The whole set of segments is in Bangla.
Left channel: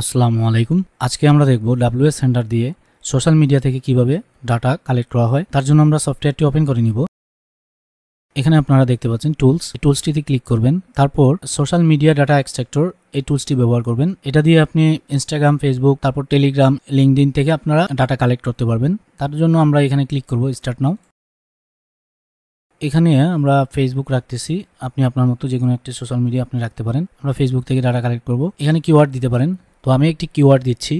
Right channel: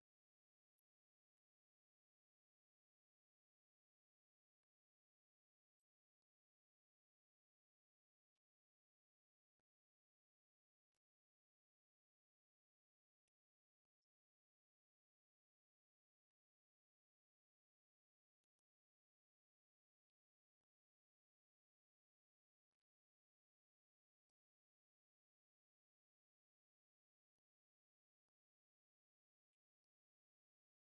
আসসালামু আলাইকুম। আজকে আমরা দেখব WS সেন্টার দিয়ে সোশ্যাল মিডিয়া থেকে কিভাবে ডাটা কালেক্ট করা হয়। তার জন্য আমরা সফটওয়্যারটি ওপেন করে নিব। এখানে আপনারা দেখতে পাচ্ছেন টুলস, এই টুলসটিতে ক্লিক করবেন। তারপর সোশ্যাল মিডিয়া ডাটা এক্সট্রাক্টর এই টুলসটি ব্যবহার করবেন। এটা দিয়ে আপনি ইনস্টাগ্রাম, ফেসবুক, তারপর টেলিগ্রাম, লিঙ্কডইন থেকে আপনারা ডাটা কালেক্ট করতে পারবেন। তার জন্য আমরা এখানে ক্লিক করব স্টার্ট নাও। এখানে আমরা ফেসবুক রাখতেছি, আপনি আপনার মতো যে কোনো একটি সোশ্যাল মিডিয়া আপনি রাখতে পারেন। আমরা ফেসবুক থেকে ডাটা কালেক্ট করব। এখানে কিওয়ার্ড দিতে পারেন, তো আমি একটি কিওয়ার্ড দিচ্ছি।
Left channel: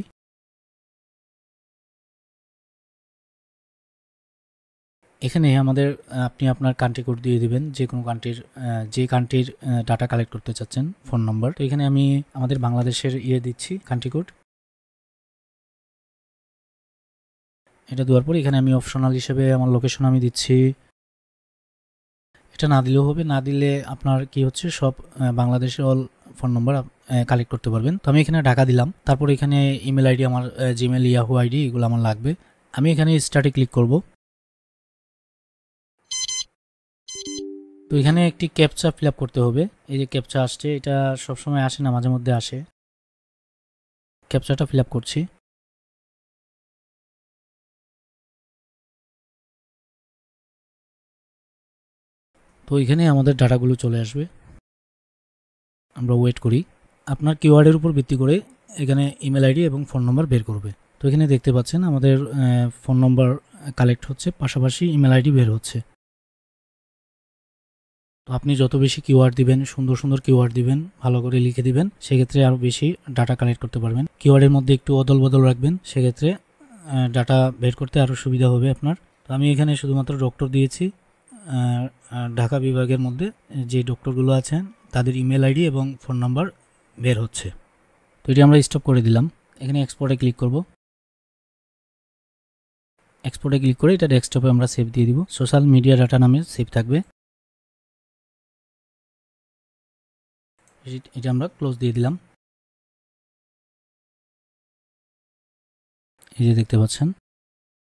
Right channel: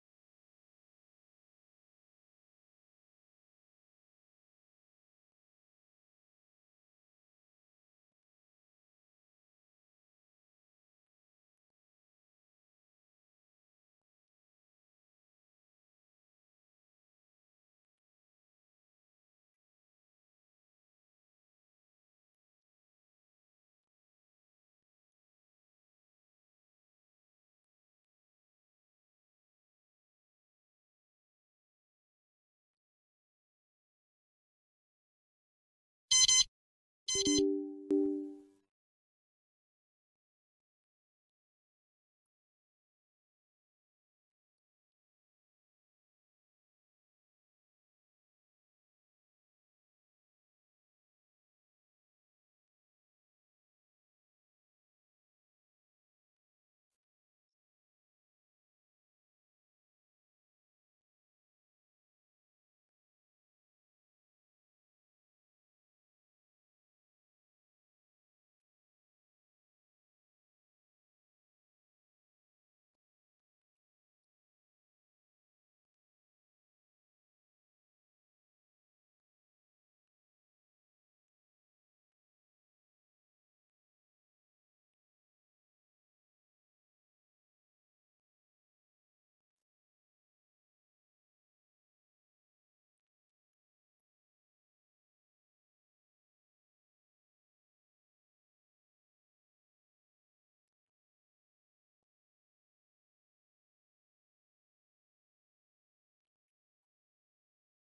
এখানে আমাদের আপনি আপনার কান্ট্রি কোড দিয়ে দিবেন, যে কোনো কান্ট্রির যে কান্ট্রির ডাটা কালেক্ট করতে চাচ্ছেন, ফোন নম্বর। তো এখানে আমি আমাদের বাংলাদেশের দিচ্ছি কান্ট্রি কোড। এটা দেওয়ার পর এখানে আমি অপশনাল হিসেবে আমার লোকেশন আমি দিচ্ছি। এটা না দিলেও হবে, না দিলে আপনার কি হচ্ছে সব বাংলাদেশের অল ফোন নম্বর কালেক্ট করতে পারবেন। তো আমি এখানে ঢাকা দিলাম। তারপর এখানে ইমেল আইডি, আমার জিমেল, ইয়াহু আইডি, এগুলো আমার লাগবে। আমি এখানে স্টার্টে ক্লিক করব। তো এখানে একটি ক্যাপচা ফিল আপ করতে হবে। এই যে ক্যাপচা আসছে, এটা সবসময় আসে না, মাঝে মধ্যে আসে। ক্যাপচাটা ফিল আপ করছি। তো এখানে আমাদের ডাটাগুলো চলে আসবে, আমরা ওয়েট করি। আপনার কিওয়ার্ডের উপর ভিত্তি করে এখানে ইমেল আইডি এবং ফোন নম্বর বের করবে। তো এখানে দেখতে পাচ্ছেন আমাদের ফোন নম্বর কালেক্ট হচ্ছে, পাশাপাশি ইমেল আইডি বের হচ্ছে। তো আপনি যত বেশি কিওয়ার্ড দিবেন, সুন্দর সুন্দর কিওয়ার্ড দিবেন, ভালো করে লিখে দিবেন, সেক্ষেত্রে আরও বেশি ডাটা কালেক্ট করতে পারবেন। কিওয়ার্ডের মধ্যে একটু অদল বদল রাখবেন, সেক্ষেত্রে ডাটা বের করতে আরও সুবিধা হবে আপনার। তো আমি এখানে শুধুমাত্র ডক্টর দিয়েছি। ঢাকা বিভাগের মধ্যে যে ডক্টরগুলো আছেন তাদের ইমেল আইডি এবং ফোন নাম্বার বের হচ্ছে। তো এটি আমরা স্টপ করে দিলাম। এখানে এক্সপোর্টে ক্লিক করব। এক্সপোর্টে ক্লিক করে এটা ডেস্কটপে আমরা সেভ দিয়ে দিব, সোশ্যাল মিডিয়া ডাটা নামে সেভ থাকবে। এটা আমরা ক্লোজ দিয়ে দিলাম। এই যে দেখতে পাচ্ছেন,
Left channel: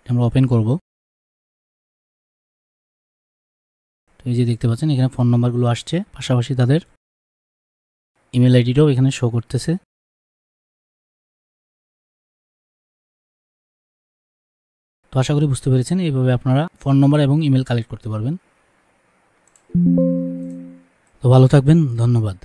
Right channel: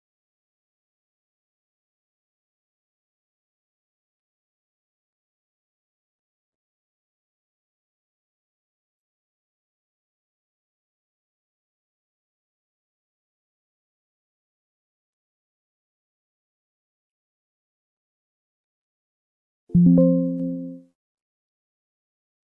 আমরা ওপেন করব। তো এই যে দেখতে পাচ্ছেন এখানে ফোন নাম্বারগুলো আসছে, পাশাপাশি তাদের ইমেল আইডিটাও এখানে শো করতেছে। তো আশা করি বুঝতে পেরেছেন, এইভাবে আপনারা ফোন নম্বর এবং ইমেল কালেক্ট করতে পারবেন। তো ভালো থাকবেন, ধন্যবাদ।